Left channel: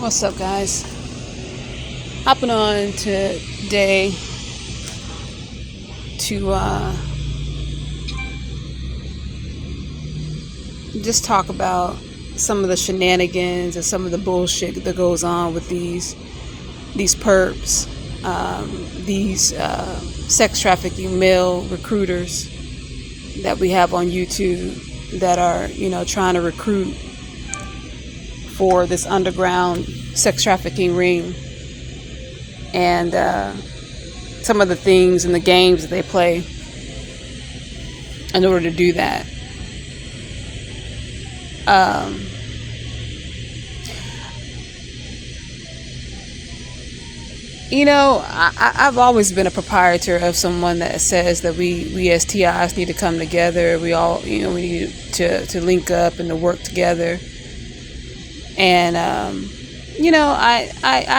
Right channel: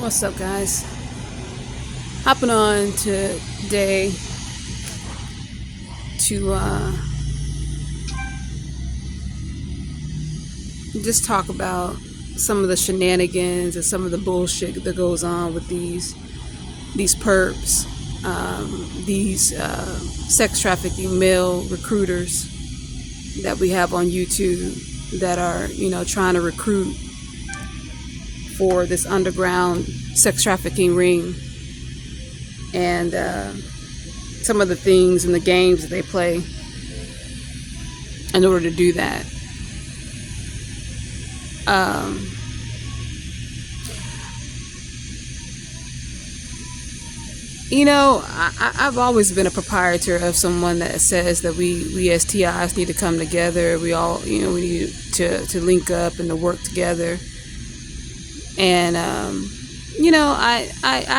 What's up, guys? Hopping on today to just talk about some of the shenanigans and some of the bullshit that goes on with these perps, these sex trafficking male recruiters that we have on YouTube that are, trying to recruit for this underground sex trafficking ring, and some of the things and the games that they play in order to do that. I've always been a proprietor of someone that says that we as TIs need to come together. We all, we need to link up and to work together. And, I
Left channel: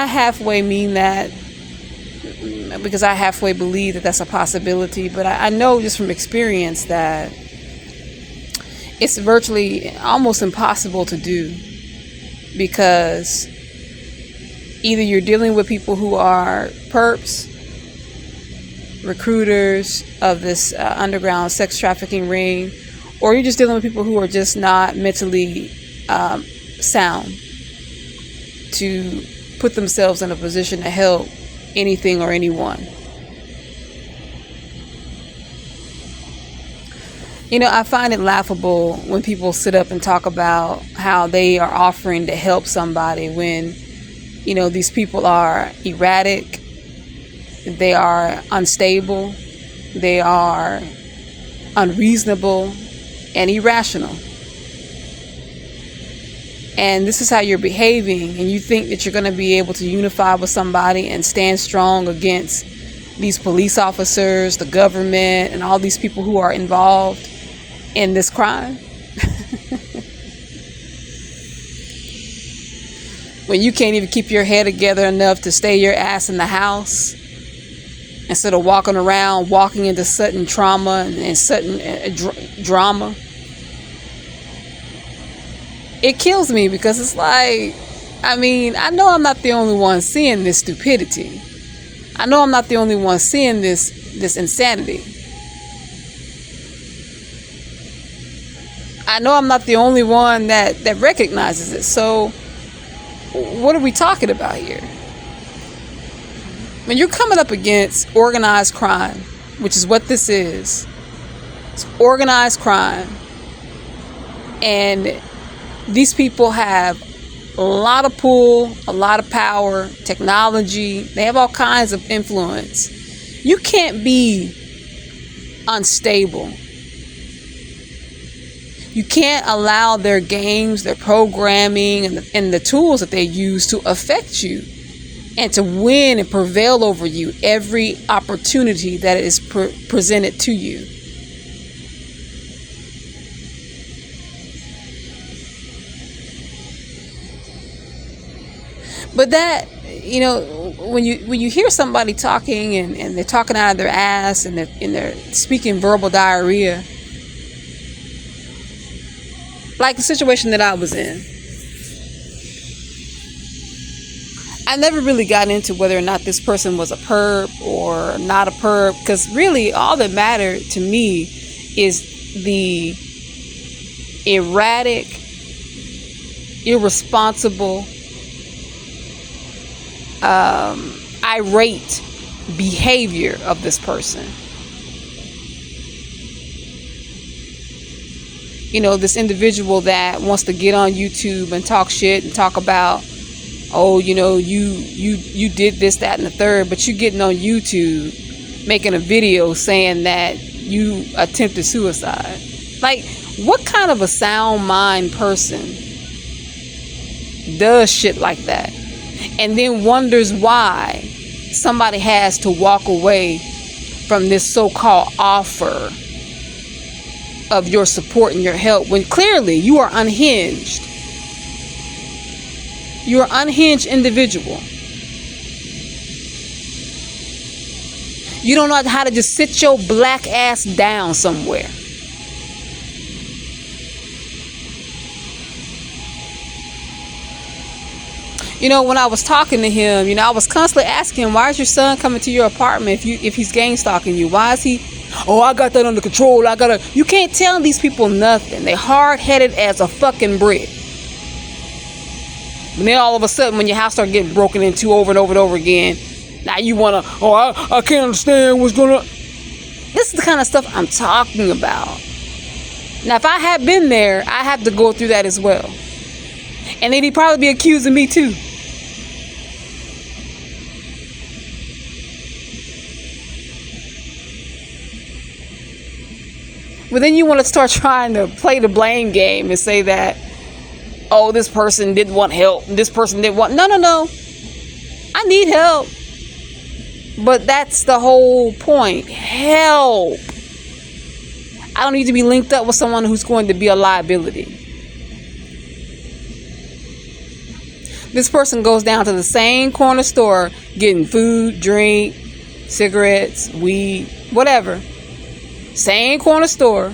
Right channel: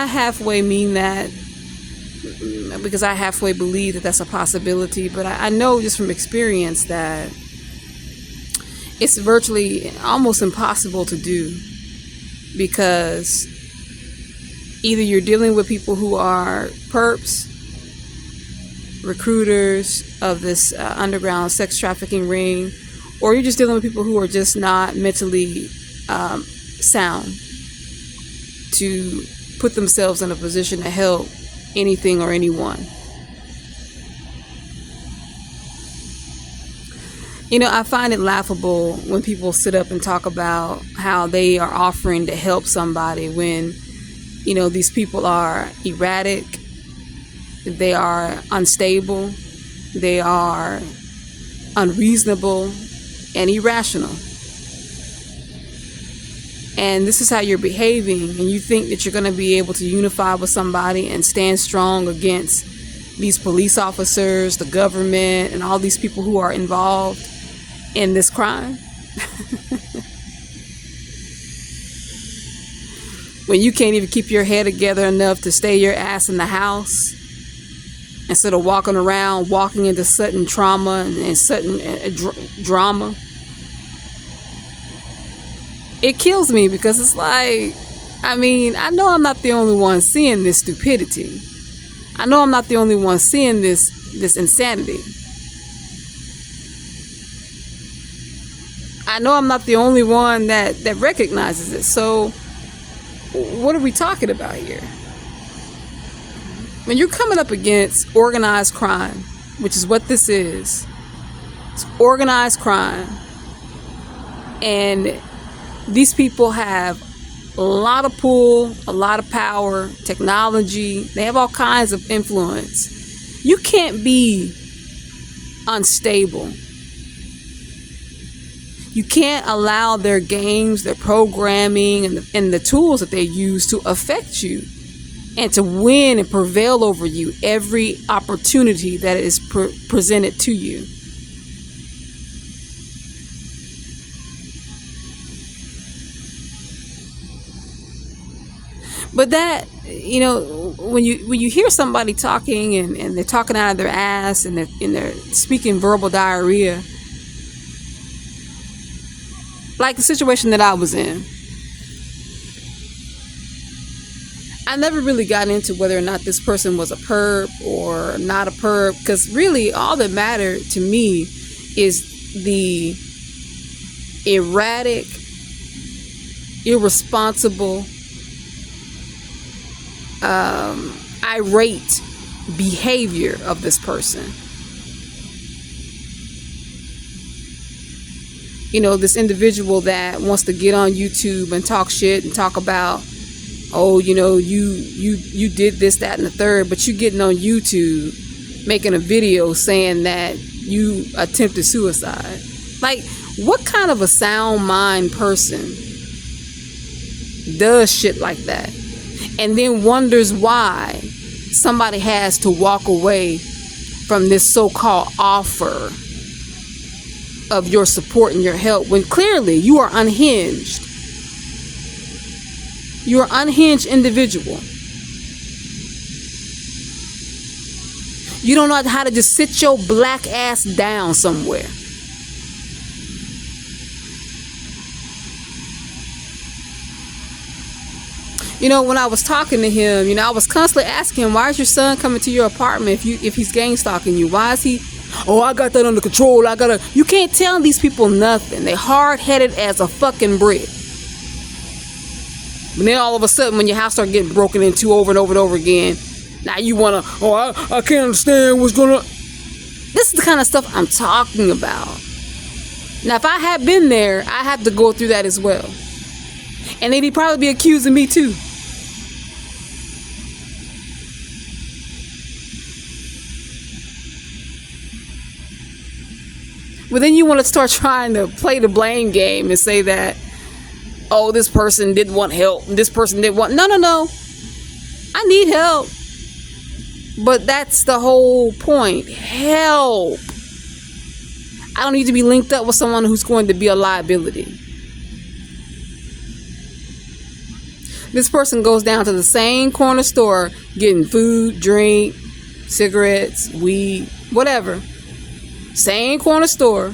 halfway mean that because I halfway believe that that's a possibility. But I know just from experience that it's virtually almost impossible to do, because either you're dealing with people who are perps, recruiters of this underground sex trafficking ring, or you're just dealing with people who are just not mentally sound to put themselves in a position to help anything or anyone. I find it laughable when people sit up and talk about how they are offering to help somebody when, these people are erratic, they are unstable, they are unreasonable and irrational. And this is how you're behaving, and you think that you're going to be able to unify with somebody and stand strong against these police officers, the government, and all these people who are involved in this crime? When you can't even keep your head together enough to stay your ass in the house instead of walking into sudden trauma and sudden drama. It kills me, because it's like, I know I'm not the only one seeing this stupidity. I know I'm not the only one seeing this insanity. I know I'm not the only one that recognizes it. So what are we talking about here? When you're coming up against organized crime, which is what this is, it's organized crime, and these people have a lot of pull, a lot of power, technology. They have all kinds of influence. You can't be unstable. You can't allow their games, their programming, and the tools that they use to affect you and to win and prevail over you every opportunity that is presented to you. But that, when you hear somebody talking and they're talking out of their ass and they're speaking verbal diarrhea, like the situation that I was in, I never really got into whether or not this person was a perp or not a perp, because really all that mattered to me is the erratic, irresponsible, irate behavior of this person. This individual that wants to get on YouTube and talk shit and talk about, you did this, that, and the third, but you getting on YouTube making a video saying that you attempted suicide. Like, what kind of a sound mind person does shit like that and then wonders why somebody has to walk away from this so-called offer of your support and your help, when clearly you are unhinged? You're an unhinged individual. You don't know how to just sit your black ass down somewhere. When I was talking to him, I was constantly asking him, why is your son coming to your apartment if he's gang stalking you? Why is he, oh, I got that under control. You can't tell these people nothing. They're hard-headed as a fucking brick. And then all of a sudden, when your house starts getting broken into over and over and over again, now you want to, I can't understand what's going on. This is the kind of stuff I'm talking about. Now, if I had been there, I had to go through that as well. And then he'd probably be accusing me too. But then you want to start trying to play the blame game and say that, oh, this person didn't want help. This person didn't want... No. I need help. But that's the whole point. Help. I don't need to be linked up with someone who's going to be a liability. This person goes down to the same corner store getting food, drink, cigarettes, weed, whatever. Same corner store,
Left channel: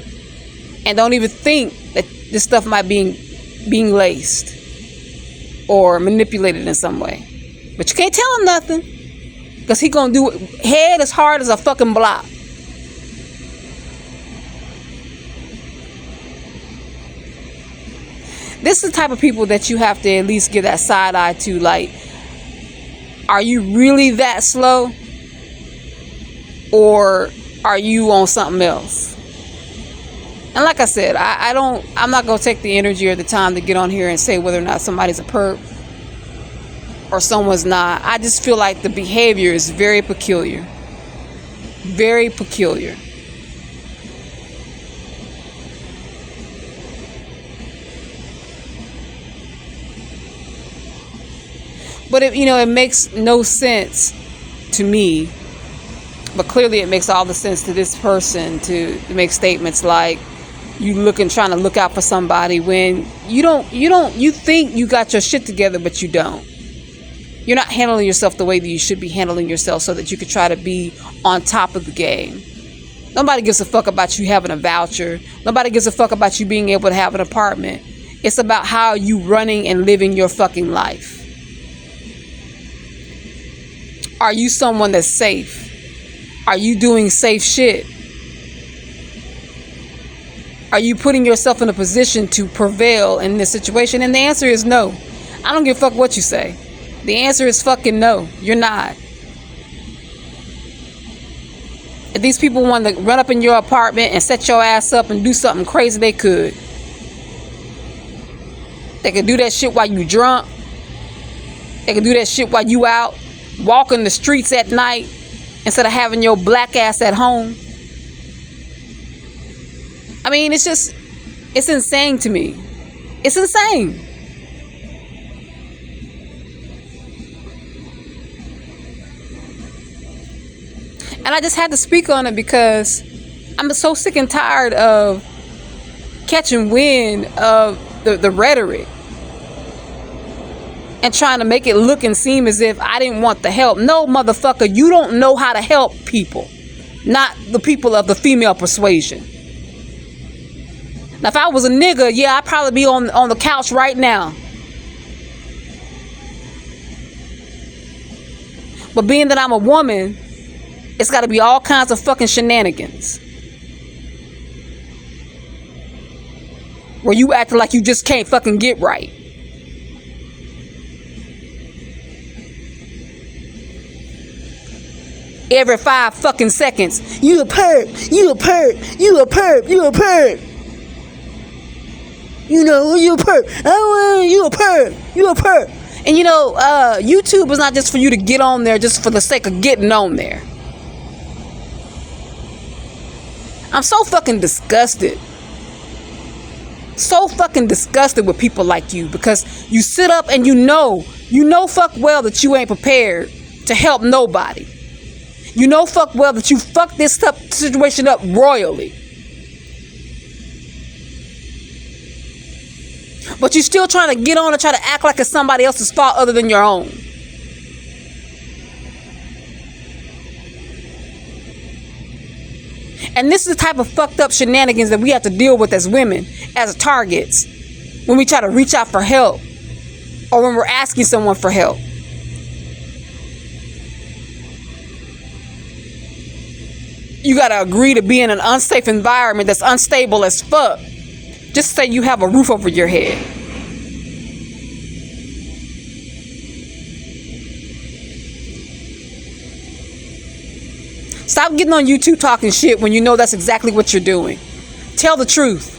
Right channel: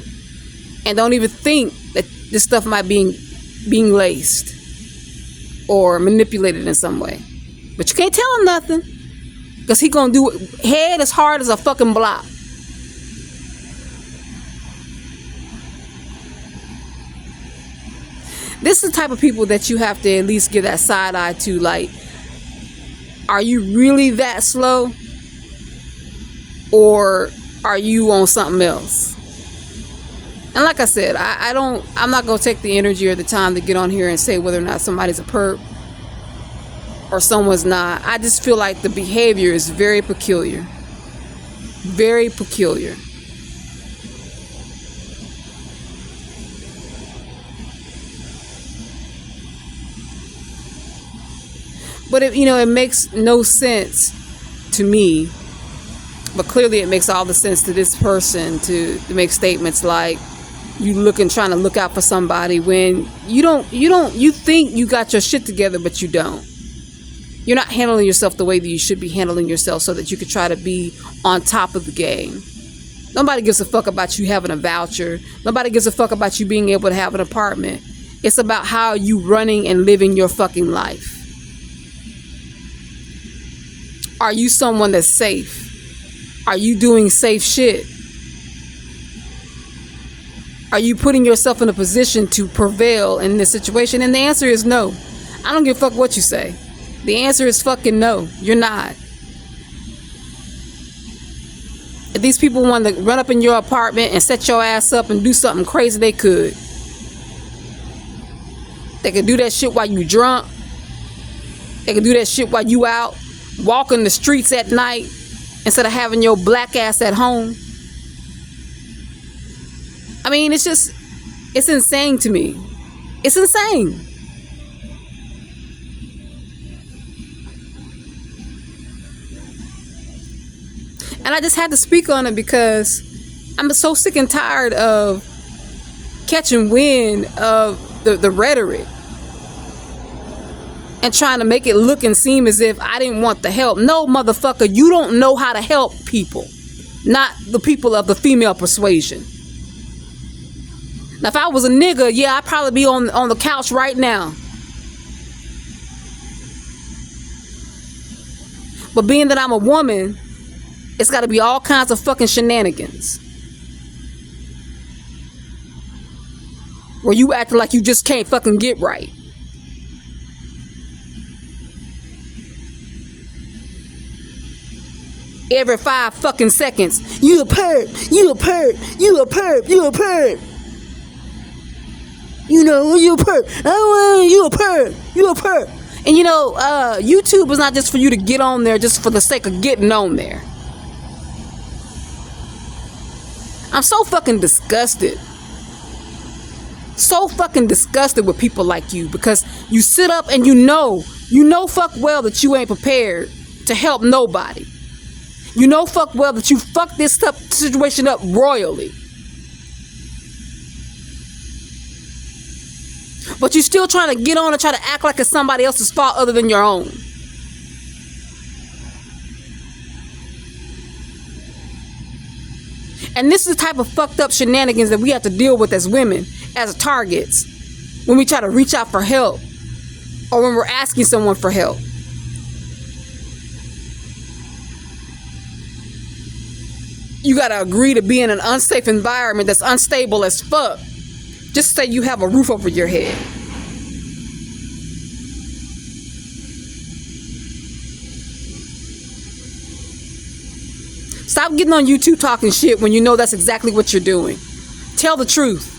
and don't even think that this stuff might be being laced or manipulated in some way. But you can't tell him nothing, because he gonna do it head as hard as a fucking block. This is the type of people that you have to at least give that side eye to. Like, are you really that slow, or are you on something else? And like I said, I'm not going to take the energy or the time to get on here and say whether or not somebody's a perp or someone's not. I just feel like the behavior is very peculiar. Very peculiar. But it makes no sense to me. But clearly it makes all the sense to this person to make statements like trying to look out for somebody when you think you got your shit together, but you don't. You're not handling yourself the way that you should be handling yourself so that you could try to be on top of the game. Nobody gives a fuck about you having a voucher. Nobody gives a fuck about you being able to have an apartment. It's about how you running and living your fucking life. Are you someone that's safe? Are you doing safe shit? Are you putting yourself in a position to prevail in this situation? And the answer is no. I don't give a fuck what you say. The answer is fucking no. You're not. If these people want to run up in your apartment and set your ass up and do something crazy, they could. They could do that shit while you drunk. They could do that shit while you out walking the streets at night, instead of having your black ass at home. I mean, it's insane to me. It's insane. And I just had to speak on it because I'm so sick and tired of catching wind of the rhetoric and trying to make it look and seem as if I didn't want the help. No, motherfucker, you don't know how to help people. Not the people of the female persuasion. Now, if I was a nigga, yeah, I'd probably be on the couch right now. But being that I'm a woman, it's got to be all kinds of fucking shenanigans. Where you acting like you just can't fucking get right. Every 5 fucking seconds, you a perp, you a perp, you a perp, you a perp. You know, you a perp. Oh, you a perp, you a perp. And YouTube is not just for you to get on there just for the sake of getting on there. I'm so fucking disgusted. So fucking disgusted with people like you, because you sit up and you know fuck well that you ain't prepared to help nobody. You know fuck well that you fucked this situation up royally. But you're still trying to get on and try to act like it's somebody else's fault other than your own. And this is the type of fucked up shenanigans that we have to deal with as women, as targets, when we try to reach out for help. or when we're asking someone for help. You gotta agree to be in an unsafe environment that's unstable as fuck. Just say you have a roof over your head. Stop getting on YouTube talking shit when you know that's exactly what you're doing. Tell the truth.